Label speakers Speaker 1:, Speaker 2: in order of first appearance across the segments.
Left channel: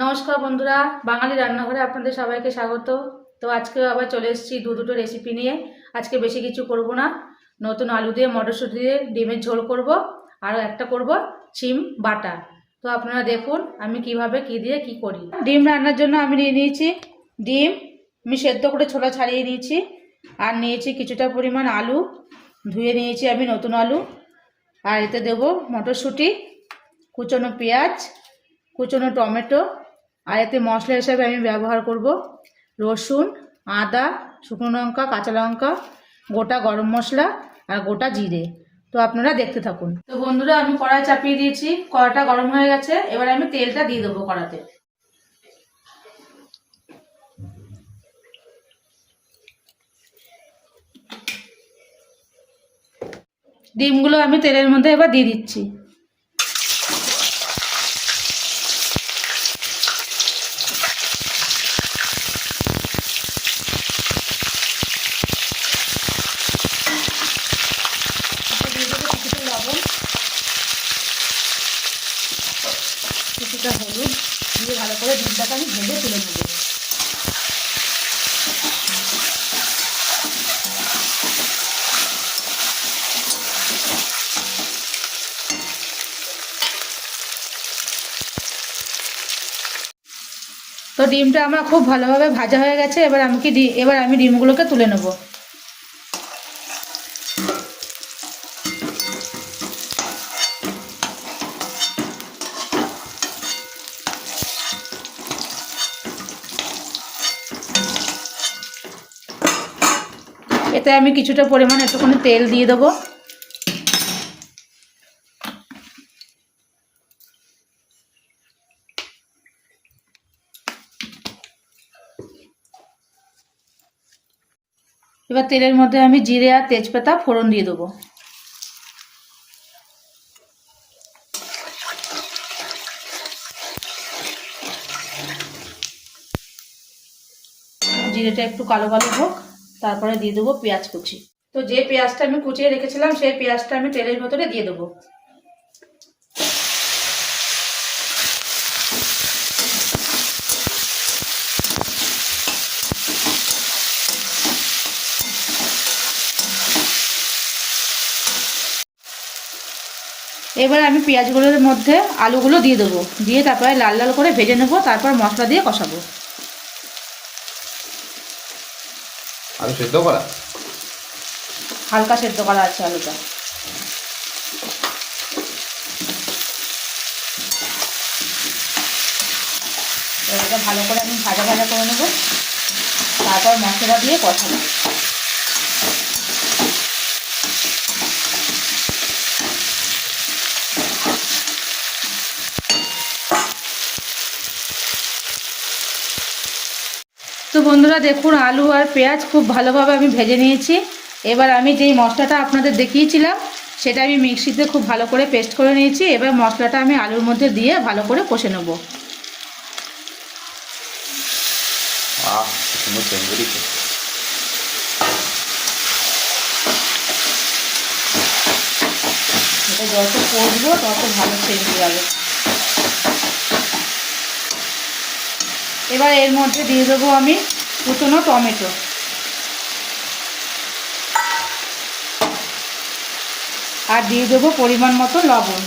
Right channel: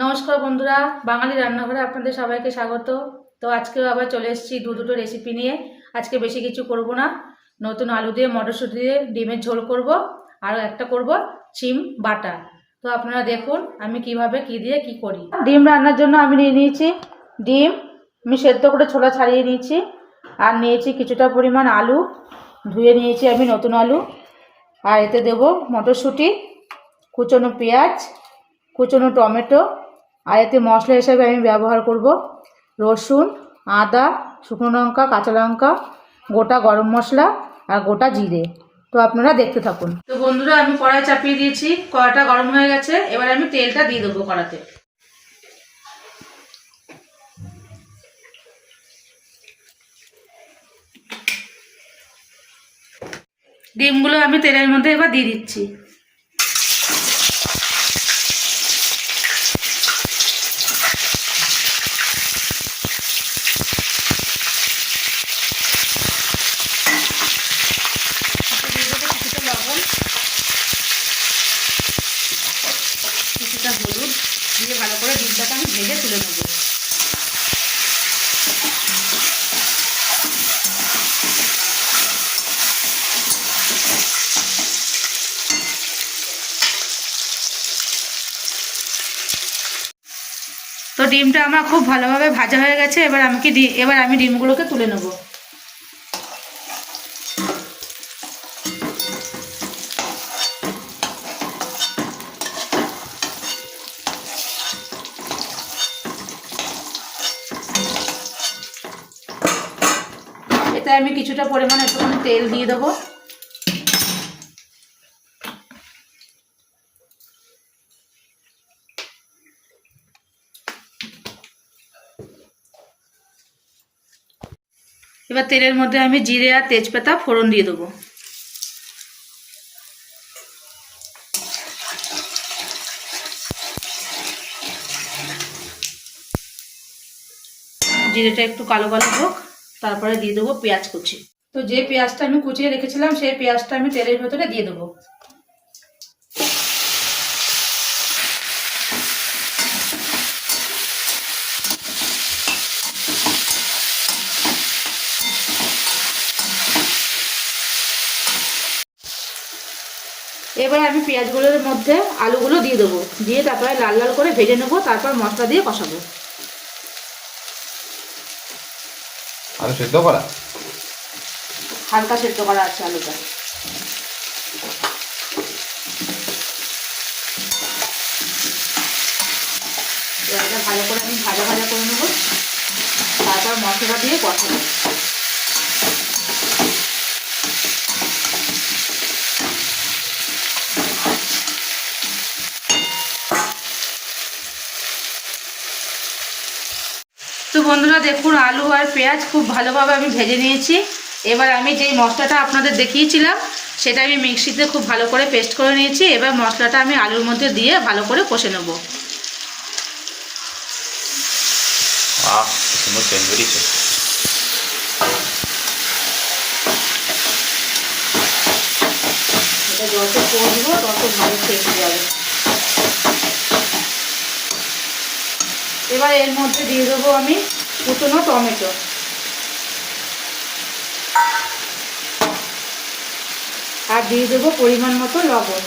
Speaker 1: নমস্কার বন্ধুরা, বাঙালি রান্নাঘরে আপনাদের সবাইকে স্বাগত। তো আজকেও আবার চলে এসেছি দু দুটো রেসিপি নিয়ে। আজকে বেশি কিছু করব না। নতুন আলু দিয়ে, মটরশুঁটি দিয়ে ডিমের ঝোল করব। আর একটা করব চিম বাটা। তো আপনারা দেখুন আমি কীভাবে, কি দিয়ে, কি করি। ডিম রান্নার জন্য আমি নিয়ে নিয়েছি ডিম। আমি সেদ্ধ করে ছোলা ছাড়িয়ে নিয়েছি। আর নিয়েছি কিছুটা পরিমাণ আলু। ধুয়ে নিয়েছি আমি নতুন আলু। আর এতে দেব মটরশুঁটি, কুচনো পেঁয়াজ, কুচনো টমেটো আর এতে মশলা হিসাবে আমি ব্যবহার করব। রসুন, আদা, শুকনো লঙ্কা, কাঁচা লঙ্কা, গোটা গরম মশলা আর গোটা জিরে। তো আপনারা দেখতে থাকুন। তো বন্ধুরা, আমি কড়াই চাপিয়ে দিয়েছি। কড়াটা গরম হয়ে গেছে। এবার আমি তেলটা দিয়ে দেবো কড়াতে। ডিমগুলো আমি তেলের মধ্যে এবার দিয়ে দিচ্ছি তারপর দিয়ে দেবো কিছুটা লবণ কিছুটা হলুদ দিয়ে ভালো করে ডিমটাকে আমি ভেজে তুলে নেব। তো ডিমটা আমার খুব ভালোভাবে ভাজা হয়ে গেছে, এবার আমি কি এবার আমি ডিমগুলোকে তুলে নেব। এতে আমি কিছুটা পরিমাণ একটুখানি তেল দিয়ে দেবো। এবার তেলের মধ্যে আমি জিরে আর তেজপাতা ফোড়ন দিয়ে দেবো। জিরেটা একটু কালো কালো হোক। তারপরে দিয়ে দেবো পেঁয়াজ কুচি। তো যে পেঁয়াজটা আমি কুচিয়ে রেখেছিলাম, সেই পেঁয়াজটা আমি তেলের ভেতরে দিয়ে দেবো। এবার আমি পেঁয়াজগুলোর মধ্যে আলুগুলো দিয়ে দেবো। দিয়ে তারপরে লাল লাল করে ভেজে নেব, তারপর মশলা দিয়ে কষাবো।
Speaker 2: আলু সেদ্ধ করা?
Speaker 1: হালকা সেদ্ধ করা আছে আলুটা। ভালো করে আমি ভাজা ভাজা করে নেব। তারপর মশলা দিয়ে কষাবো বন্ধুরা দেখুন আলু আর পেঁয়াজ খুব ভালোভাবে আমি ভেজে নিয়েছি। এবার আমি যেই মশলাটা আপনাদের দেখিয়েছিলাম সেটা আমি মিক্সিতে খুব ভালো করে পেস্ট করে নিয়েছি। এবার মশলাটা আমি আলুর মধ্যে দিয়ে ভালো করে কষে নেব। যত করব তত ভালো যাবে। এবার এর মধ্যে দিয়ে দেবো আমি কুচনো টমেটো। আর দিয়ে দেবো পরিমাণ মতো লবণ।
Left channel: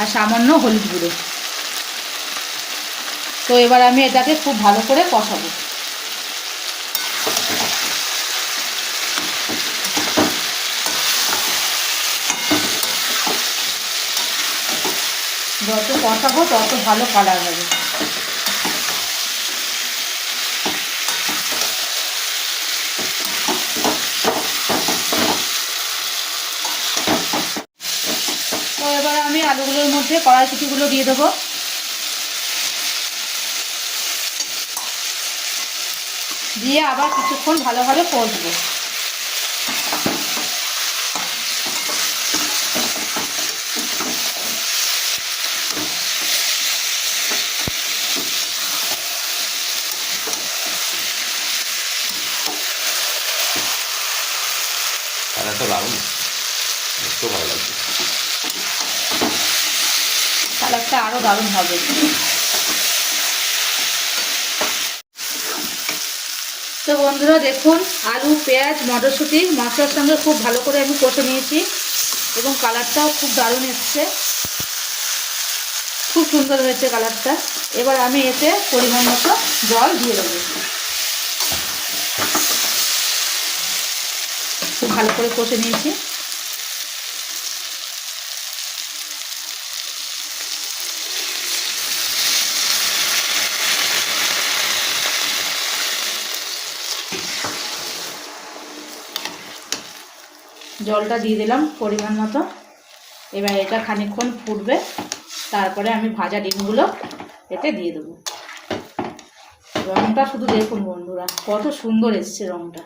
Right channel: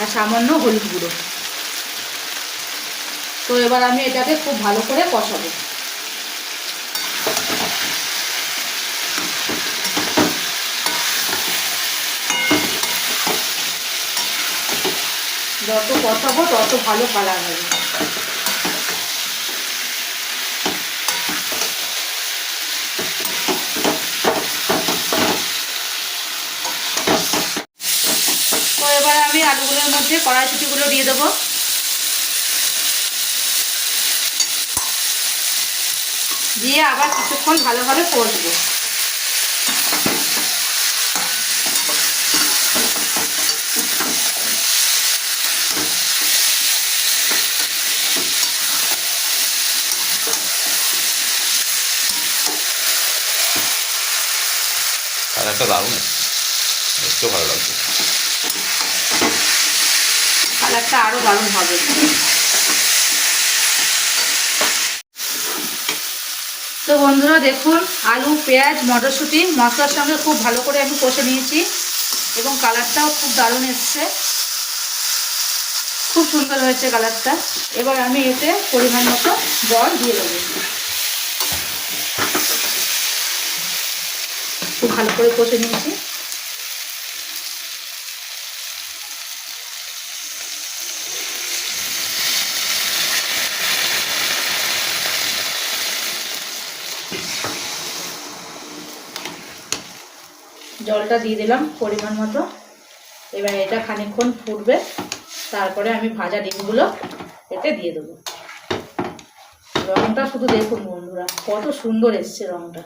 Speaker 1: আর সামান্য হলুদ গুঁড়ো। তো এবার আমি এটাকে খুব ভালো করে কষাবো। যত কষাবো তত ভালো কালার হবে। এবার আমি আলুগুলোর মধ্যে কড়াইশুটিগুলো দিয়ে দেবো। দিয়ে আবার কিছুক্ষণ ভালোভাবে কষবো।
Speaker 2: কালারটা দারুণ। দেখতেও ভালো লাগছে।
Speaker 1: আরও হবে। তো বন্ধুরা দেখুন, আলু, পেঁয়াজ, মটরশুঁটি, মশলার সঙ্গে খুব ভালো করে আমি কষে নিয়েছি এবং কালারটাও খুব দারুণ এসছে। খুব সুন্দর হয়েছে কালারটা। এবার আমি এতে পরিমাণ মতো জল দিয়ে দেবো। ভালো করে কষে নিয়েছি। জলটা দিয়ে দিলাম পরিমাণ মতো। এবার এটা খানিকক্ষণ ফুটবে। তারপরে আমি ভাজা ডিমগুলো এতে দিয়ে দেবো। রংটা শুধু দেখুন বন্ধুরা, কত সুন্দর এসছে রংটা।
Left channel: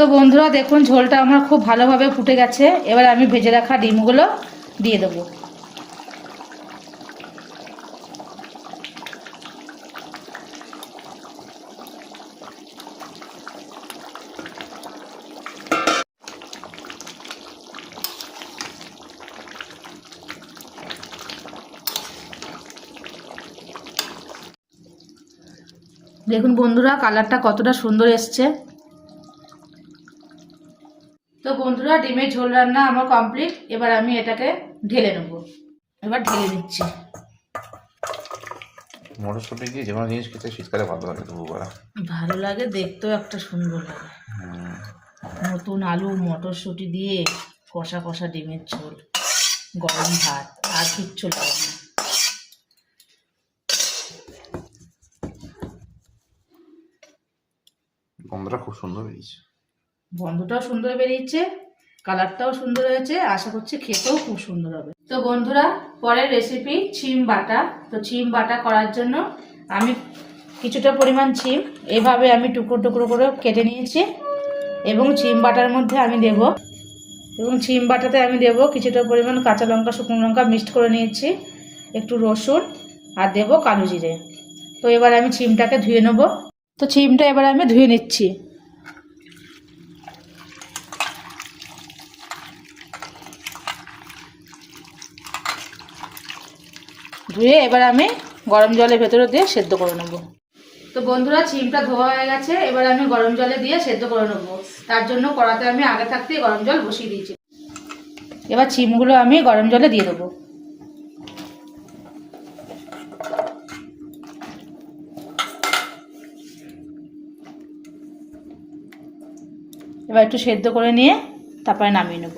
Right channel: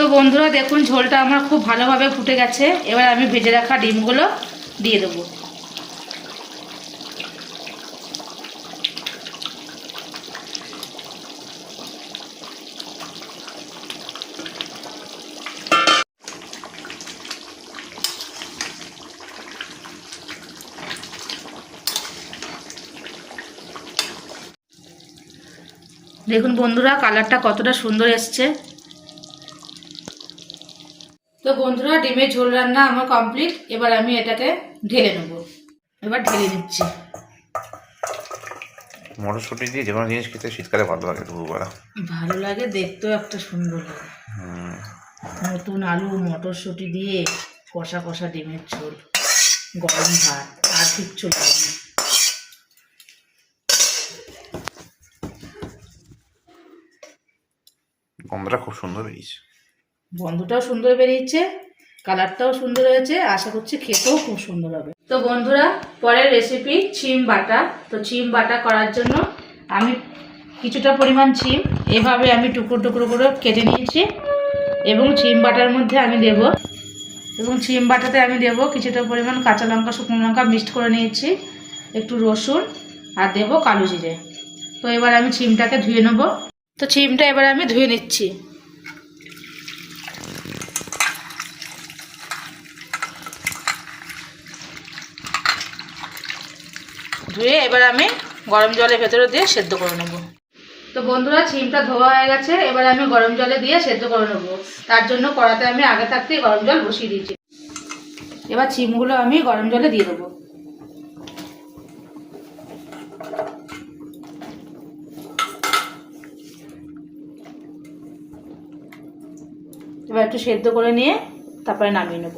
Speaker 1: তো বন্ধুরা দেখুন, ঝোলটা আমার খুব ভালোভাবে ফুটে গেছে। এবার আমি ভেজে রাখা ডিমগুলো দিয়ে দেবো। দেখুন বন্ধুরা, কালারটা কতটা সুন্দর এসছে। তো বন্ধুরা ডিমের ঝোল রান্না আমার কমপ্লিট এবার আমি এটাকে ঢেলে নেব। এবার ঢেলে নিচ্ছি।
Speaker 2: মটরশুঁটি দিয়ে যে কোনো জিনিস খেতে শীতকালে ভালো লাগে দুপুরবেলা।
Speaker 1: ভালো লাগে দেখতেও একটা সুন্দর লাগে। নতুন আলু মটরশুঁটি দিয়ে কষা কষা ডিমের ঝোল। গরম ভাত আর কিচ্ছু লাগে না।
Speaker 2: গন্ধটা খুব সুন্দর বেরিয়েছে।
Speaker 1: বন্ধুটাও সুন্দর বেরিয়েছে, কালারটাও সুন্দর হয়েছে, আশা করছি খেতেও খুব সুন্দর হবে। তো বন্ধুরা, পরের রেসিপি ছিম বাটা। তো ছিম বাটা করার জন্য আমি কিছুটা পরিমাণ ছিম এভাবে আমি টুকরো টুকরো করে কেটে নিয়েছি এবং ছিম বাটার মধ্যে আমি দেব। এবং ছিম বাটাতে আমি দেব কিছুটা পরিমাণ কাঁচা লঙ্কা, শুকনো লঙ্কা মিক্সড করে নিয়েছি, একটু রসুন আর দেব কালো জিরে। তো এবার আমি ছিমটাকে ধুয়ে নেব। তো ছিমটা এবার আমি ধুয়ে নিচ্ছি। ধুয়ে এবার আমি গরম জলের ভেতরে দিয়ে সেদ্ধ করে নেব। তো বন্ধুরা, ছিমটা ধোয়া হয়ে গেছে, এবার আমি গরম জলে দিয়ে সেদ্ধ করে নেব। তার জন্য কড়াতে আমি আগে থাকতেই গরম জল বসিয়ে দিয়েছি। এবার ছিমগুলো আমি গরম জলে দিয়ে দেবো। এবার একটু সেদ্ধ করে নিয়ে তারপরে নামিয়ে নেব।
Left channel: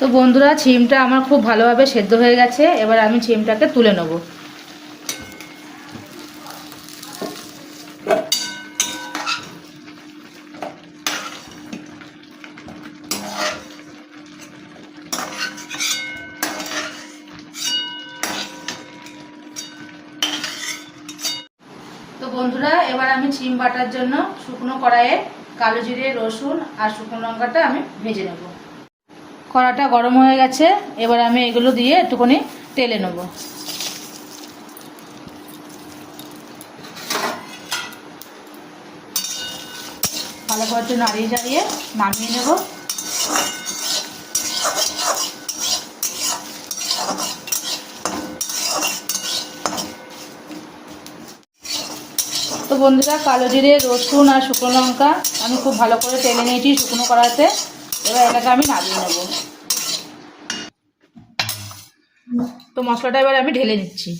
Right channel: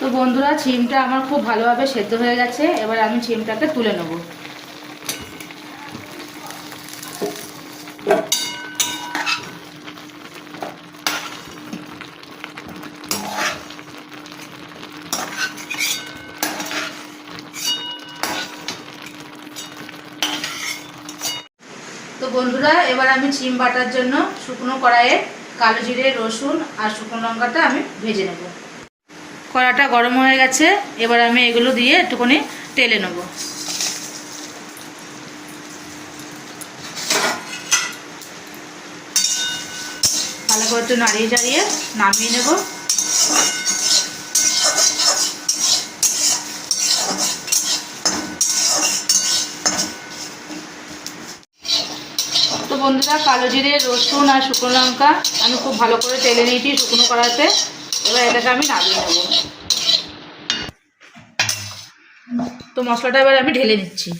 Speaker 1: তো বন্ধুরা, ছিমটা আমার খুব ভালোভাবে সেদ্ধ হয়ে গেছে। এবার আমি ছিমটাকে তুলে নেব। তো বন্ধুরা, এবার আমি চিম বাটার জন্য শুকনো কড়াইয়ে কালো জিরে, রসুন আর শুকনো লঙ্কাটা আমি ভেজে নেব। কড়াটা গরম হয়ে গেছে, এবার আমি এগুলো দিয়ে একটুখানি তেলে নেব। ভালো করে একটু নাড়িয়ে চাড়িয়ে নামিয়ে নেব। তো বন্ধুরা, কালো জিরে, রসুন আর শুকনো লঙ্কা আমি খুব ভালো করে তেলে নিয়েছি শুকনো কড়াতে এবার এটাকে আমি তো মশলাটা এবার আমি ঢেলে দিচ্ছি।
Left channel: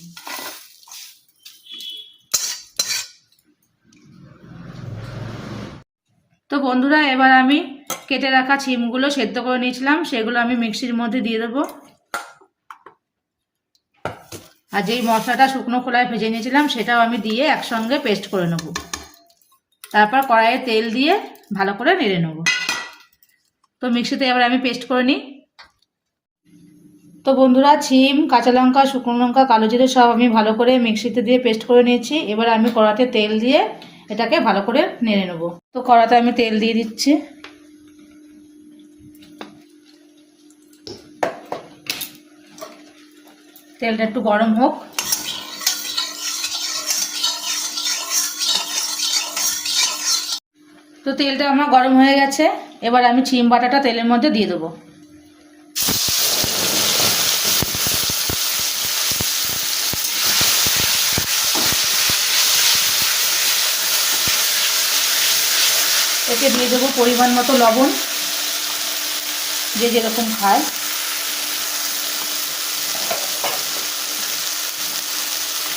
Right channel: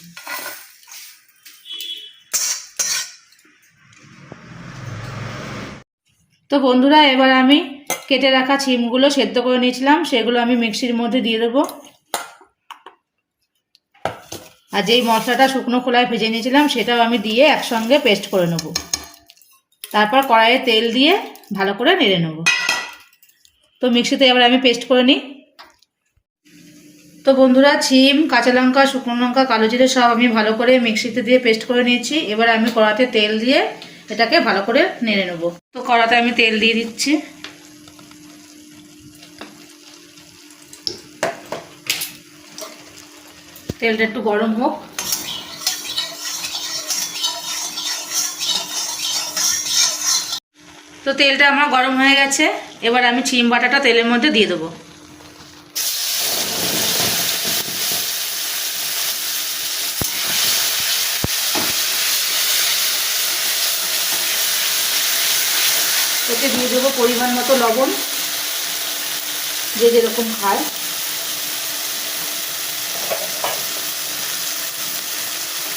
Speaker 1: তো বন্ধুরা, এবার আমি কেটে রাখা ছিমগুলো সেদ্ধ করে নিয়েছিলাম, সেগুলো আমি মিক্সির মধ্যে দিয়ে দেবো। আর যেই মশলাটা শুকনো খোলায় ভেজে নিয়েছিলাম, সেটাও আমি দিয়ে একসঙ্গে পেস্ট করে নেব। তারপর কড়াইয়ে তেল দিয়ে ভালো করে নেড়ে নেব। তো মিক্সিতে এবার আমি পেস্ট করে নিই। তো বন্ধুরা, ছিম, কাঁচা লঙ্কা, শুকনো লঙ্কা, কালো জিরে সব আমি ভালো করে মিক্সিতে দিয়ে পেস্ট করে নিয়েছি। এবার আমি কড়াতে তেল দিয়ে এটাকে ভালো করে নেড়ে নেব। তো কড়াতে আমি তেল দিয়ে দিচ্ছি। তেলটা একটু গরম হোক। তো তেলটা আমার গরম হয়ে গেছে, এবার আমি চিম বাটাটা তেলের মধ্যে দিয়ে দেবো। এতে দিয়ে দেবো পরিমাণ মতো লবণ, যে যেরকম খায়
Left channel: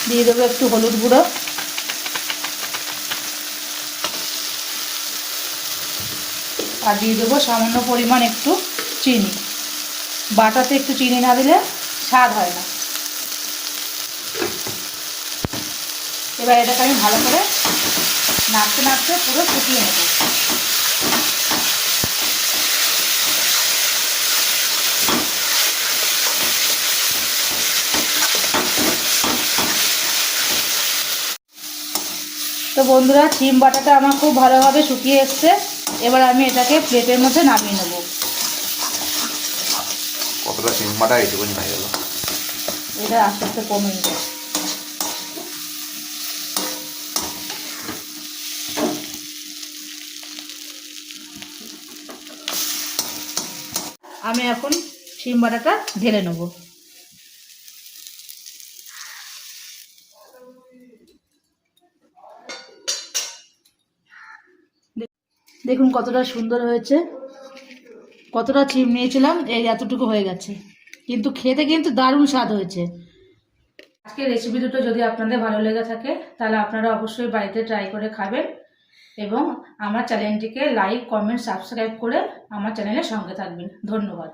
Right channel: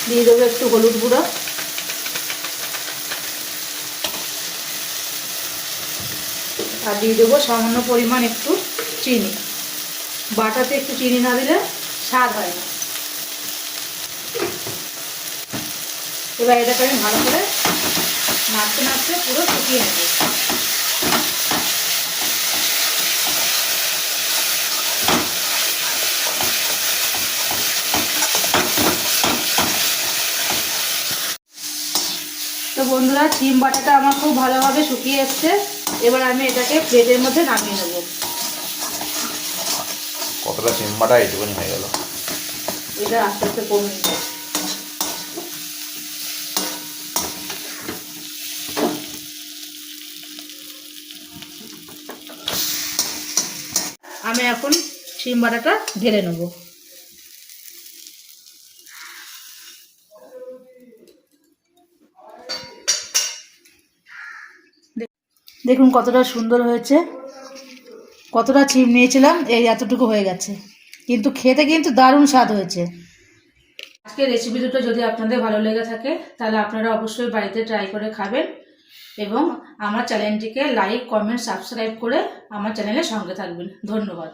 Speaker 1: দিয়ে দেবো একটু হলুদ গুঁড়ো। আর দিয়ে দেবো সামান্য পরিমাণ একটু চিনি। বাটাতে একটু চিনি না দিলে স্বাদ হয় না। এবার এটাকে আমি ভালো করে নাড়তে নাড়তে পুরো শুকিয়ে নেব। তো বন্ধুরা, চিম বাটাটা আমার খুব ভালোভাবে শুকিয়ে এসছে। এবার আমি এটাকে প্লেটের মধ্যে নামিয়ে নেব।
Speaker 2: কতটা সিম্বাটা এইটুকুনি হয়ে গেল।
Speaker 1: এটা আস্তে আস্তে কমে নিতে আমি এখন বাটাটা ঢেলে নেব। দেখুন কতটা সুন্দর হয়েছে। কতটা চিম নিয়েছিলাম, এই এতটুকু হয়ে গেছে। কিন্তু খেতে কিন্তু দারুণ স্বাদ হয়েছে। আজকে রেসিপি দুটো যদি আপনাদের ভালো লেগে থাকে, তাহলে আপনারা অবশ্যই বাড়িতে ট্রাই করে খাবেন এবং আমার চ্যানেলটিকে লাইক কমেন্ট সাবস্ক্রাইব করে আমার চ্যানেলের সঙ্গে থাকবেন। ধন্যবাদ।